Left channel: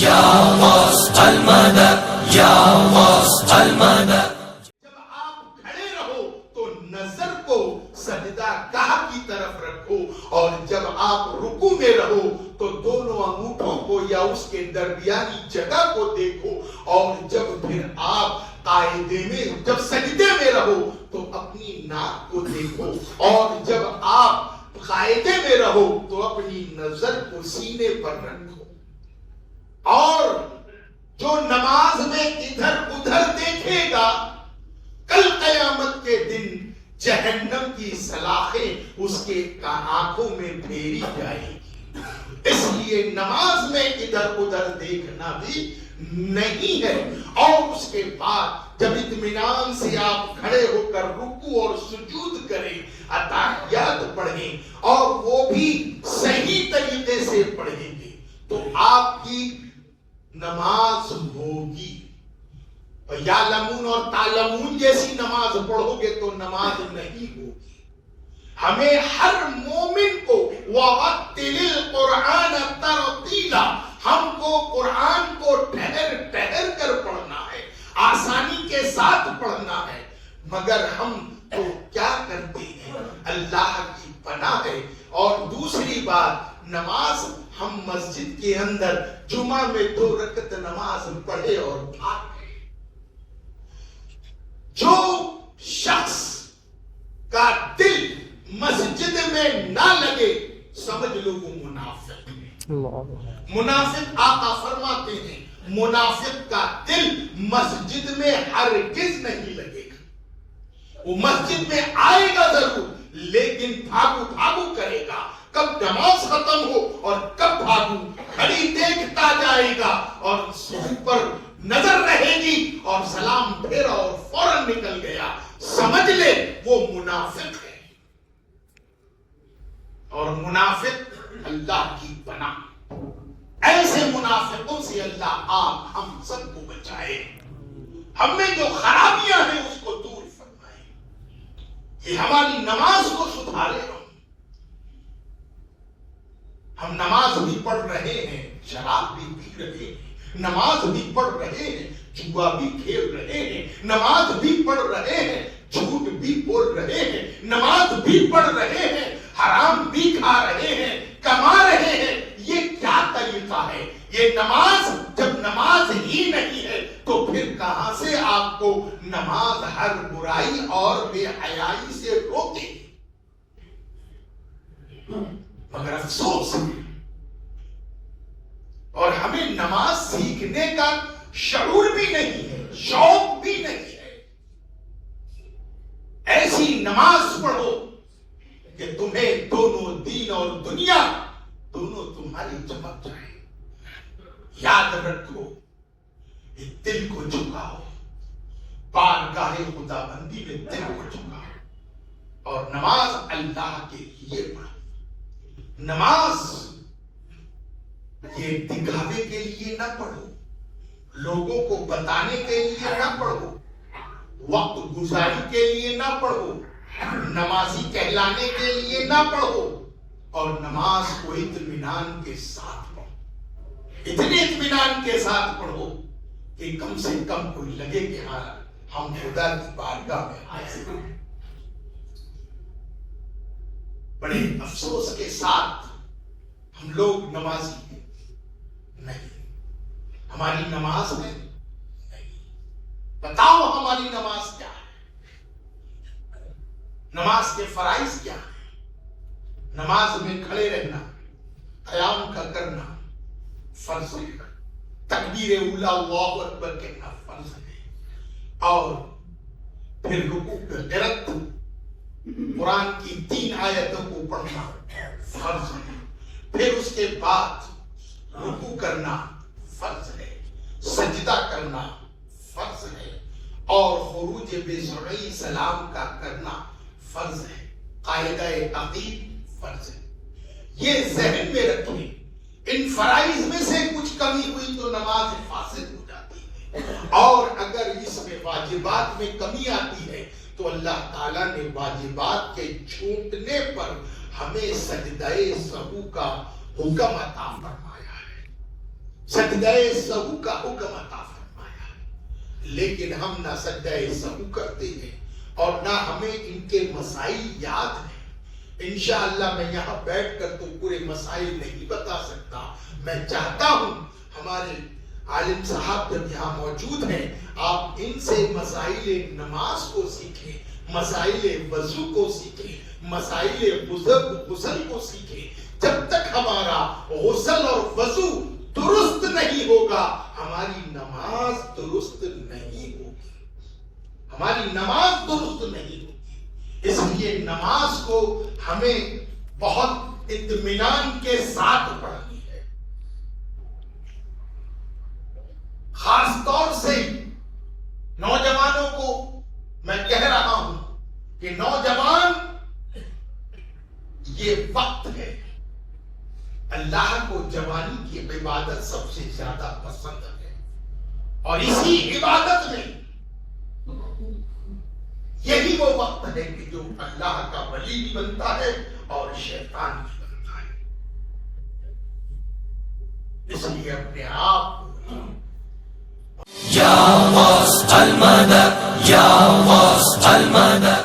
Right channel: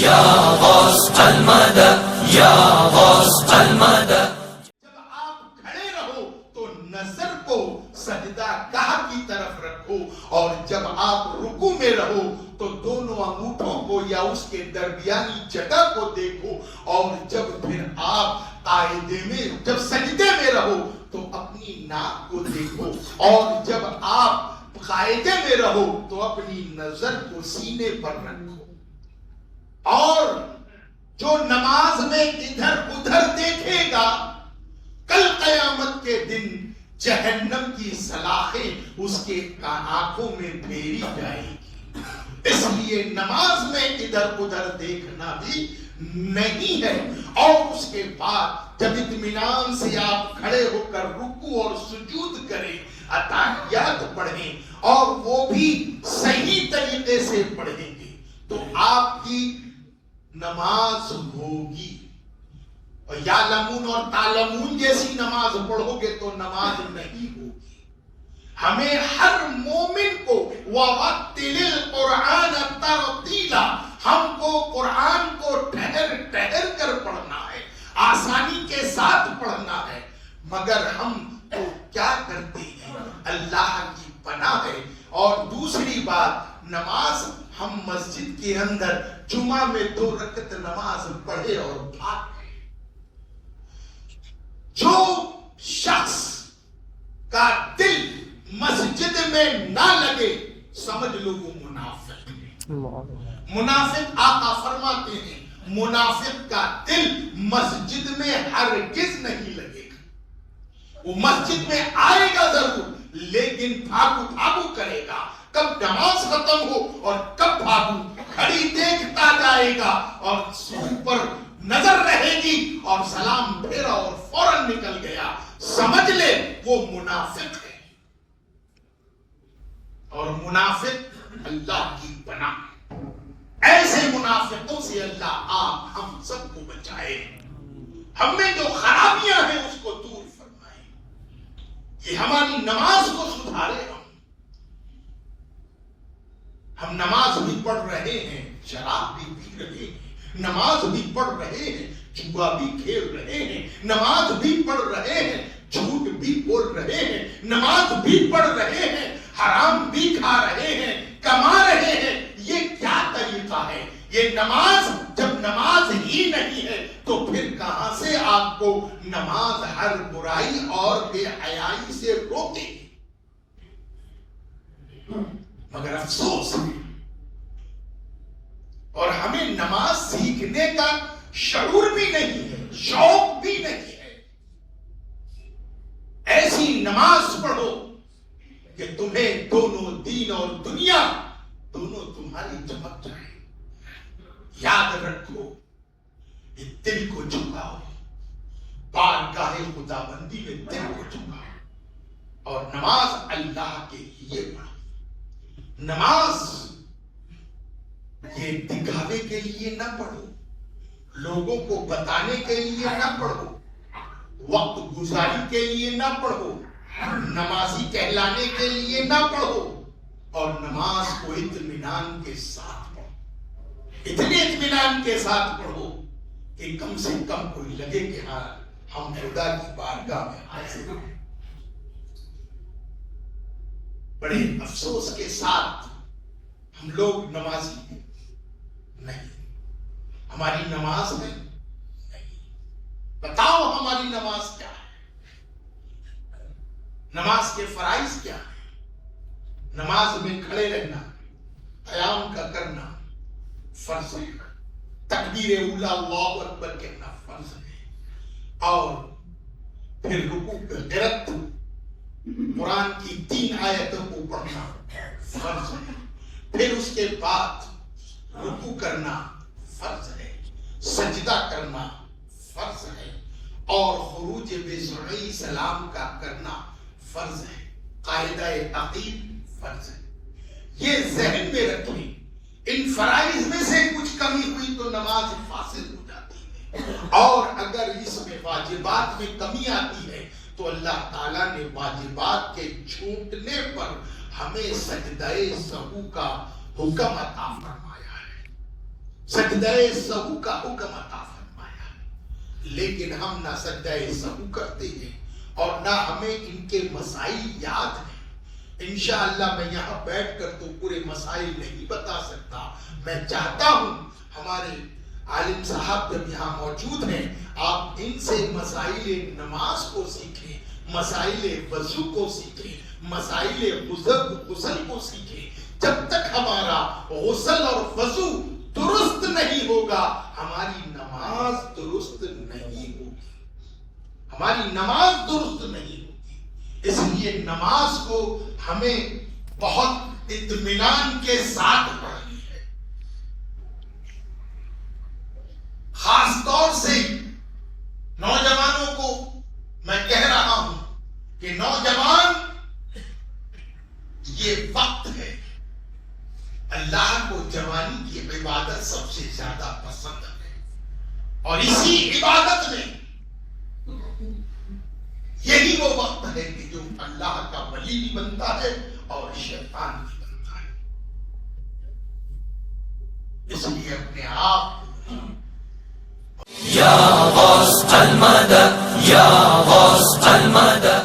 یا غوث المدد یا غوث المدد۔ جب آپ کھڑے رہو تو نظر کو سجدہ گاہ کی طرف رکھو، اور جب آپ رکوع میں رہو تو دونوں انگوٹھوں کو یا اس کے درمیانی جگہ کو دیکھو، اور جب پھر آپ قاعدے میں جب سجدے میں رہو تو اپنی ناک کو دیکھو، اور جب آپ قاعدے میں رہو تو اپنی نظر کو سینے پر رکھو۔ اور جو نماز میں ادھر ادھر دیکھے گا کل قیامت کے دن جہنم کی سلاخیں اس کے آنکھوں میں پھیری جائے گی۔ اس لیے نماز میں ادھر ادھر دیکھنا بھی نہیں ہے۔ اور اس کے بعد جب اطمینان سے آپ کھڑے ہو کر رکوع اور سجود کریں، اتحیات پڑھیں، اور وہ بھی صحیح طریقے سے پڑھیں گے تو آپ کی نماز ہوگی۔ یعلمون اور تعلمون جیسی نماز پڑھو گے تو نماز نہیں ہوگی۔ ہمیں ہر مومن کو وَرَتِّلِ الْقُرْآنَ تَرْتِیلًا، ہم کو قرآن کو ٹھہر ٹھہر کر پڑھنا ہے، آسانی کے ساتھ پڑھنا ہے، مگر ہم تو کیا کرتے ہیں؟ اللہ کی پناہ ہے۔ اور دوسری بات، نماز ہم مسجد کے اندر جمعہ میں 2 رکعت نماز پڑھے اور بھاگ گئے۔ جو شخص کا دل مسجد میں نہ لگے سمجھ لو وہ منافق ہے۔ منافق آقا فرماتے ہیں منافق کا دل مسجد میں ہرگز نہیں لگے گا۔ وہ مسجد میں آئے گا ضرور لیکن بھاگو بھاگو کرے گا، کب نماز ختم ہو اور کب بھاگو، کھڑی دیکھتا جائے گا اور پر نظر رہے گی اور سلام پھیرا اور فوراً نکل گیا، سمجھ لے وہ منافق ہے۔ اور منافق اللہ کی پناہ، ایسے منافقوں سے اللہ آپ ہم سب کو بچائے، ہم میں جو خرابیاں ہیں اس کو دور فرمائے، یہ ہماری نماز کو سدھارے۔ ہم نماز بھی پڑھ رہے ہیں، شراب بھی پی رہے ہیں، نماز بھی پڑھ رہے ہیں، جوا بھی کھیل رہے ہیں، نماز بھی پڑھ رہے ہیں، جھوٹ بھی بول رہے ہیں، نماز بھی پڑھ رہے ہیں، حرام بھی کھا رہے ہیں، کما رہے ہیں۔ یہ کیا طریقہ ہے؟ یہ نماز جب نماز ہی نہیں ہے تو پھر کہاں سے آپ کو نماز ہر برائی اور بے حیائی سے روکے گی؟ مگر افسوس ہے، اور ہمیں نماز سیکھنے کا شعور بھی نہیں ہے، شوق بھی نہیں ہے۔ ایسی نماز پڑھو کہ تمہیں دونوں دین اور دنیا دونوں تمہاری چمک جائے۔ یاد رکھو، یہ دل کو جھکاؤ، بارگاہ خدا بندی میں دل کو جھکاؤ، اور نماز اللہ کے لیے پڑھو۔ نماز یہ دکھاوے کے لیے نہ پڑھو، لوگوں کو بتانے کے لیے نہ پڑھو، وقت گزاری کے لیے نہ پڑھو، نمازی کہلانے کے لیے نہ پڑھو، اور نماز کو اطمینان کے ساتھ پڑھو، اتنے اطمینان کے ساتھ پڑھو کہ کم سے کم کوئی لگے کہ ہاں ہم خدا کی بارگاہ میں حاضر ہیں۔ بڑے افسوس کے ساتھ ہم لوگ نمازی نہیں، ہماری نماز میں نہیں۔ بتاؤ ہماری نماز کیا ہے؟ نماز کے فرائض کیا ہے؟ نماز میں کھڑے رہنا، قیام کا کرنا فرض ہے، تکبیر اولا اللہ اکبر کہنا فرض ہے، اور پھر رکوع پہ قرات قرآن کی 3 آیتوں کو پڑھنا فرض ہے، پھر اس کے بعد رکوع کرنا فرض ہے، سجدہ کرنا فرض ہے، اور خروج بسرعی سلام کا کرنا فرض ہے، قاعدہ عقید فرض ہے۔ یہ ذہن میں رکھیں، ان فرائض میں سے کچھ کمی ہوئی تو نماز فاسد ہو جاتی ہے، اور اگر اس میں واجبات میں کمی آتی ہے تو اللہ تعالیٰ نے واجبات کے چھوٹنے پر ہمیں سجدہ سہو کا حکم عطا فرمایا ہے۔ سجدہ سہو کا حکم عطا فرمایا، لیکن ہم نہ سجدہ سہو کرتے ہیں اور نہ ہمیں ان کے مسائل یاد ہیں۔ انشاءاللہ میں یہاں بیٹھ کر تو پورے مسائل نہیں بتا سکتا، میں چاہتا ہوں ہمارے عالم صاحب جب یہاں موجود ہیں آپ ان سے مسائل نماز کو سیکھیں، مسائل وضو کو سیکھیں، مسائل غسل کو سیکھیں۔ جب تک ہمارا غسل اور وضو درست نہیں ہوگا ہماری نماز درست نہیں ہوگی، ہماری نماز درست نہیں ہوگی۔ اس لیے نماز کو ہمیں بہت اطمینان کے ساتھ پڑھنی ہے۔ خاص طور سے نوجوانوں کو میں کہہ رہا ہوں کہ نوجوان یہ وقت ہے، اللہ کو جوانی کی عبادت سب سے زیادہ پسند ہے، اور اسی عبادت میں یہی وہ وقت ہے کہ جو اللہ کا ولی بھی بنتا ہے اور شیطان بھی بنتا ہے۔ اس لیے اپنے آپ یا غوث المدد، یا غوث المدد۔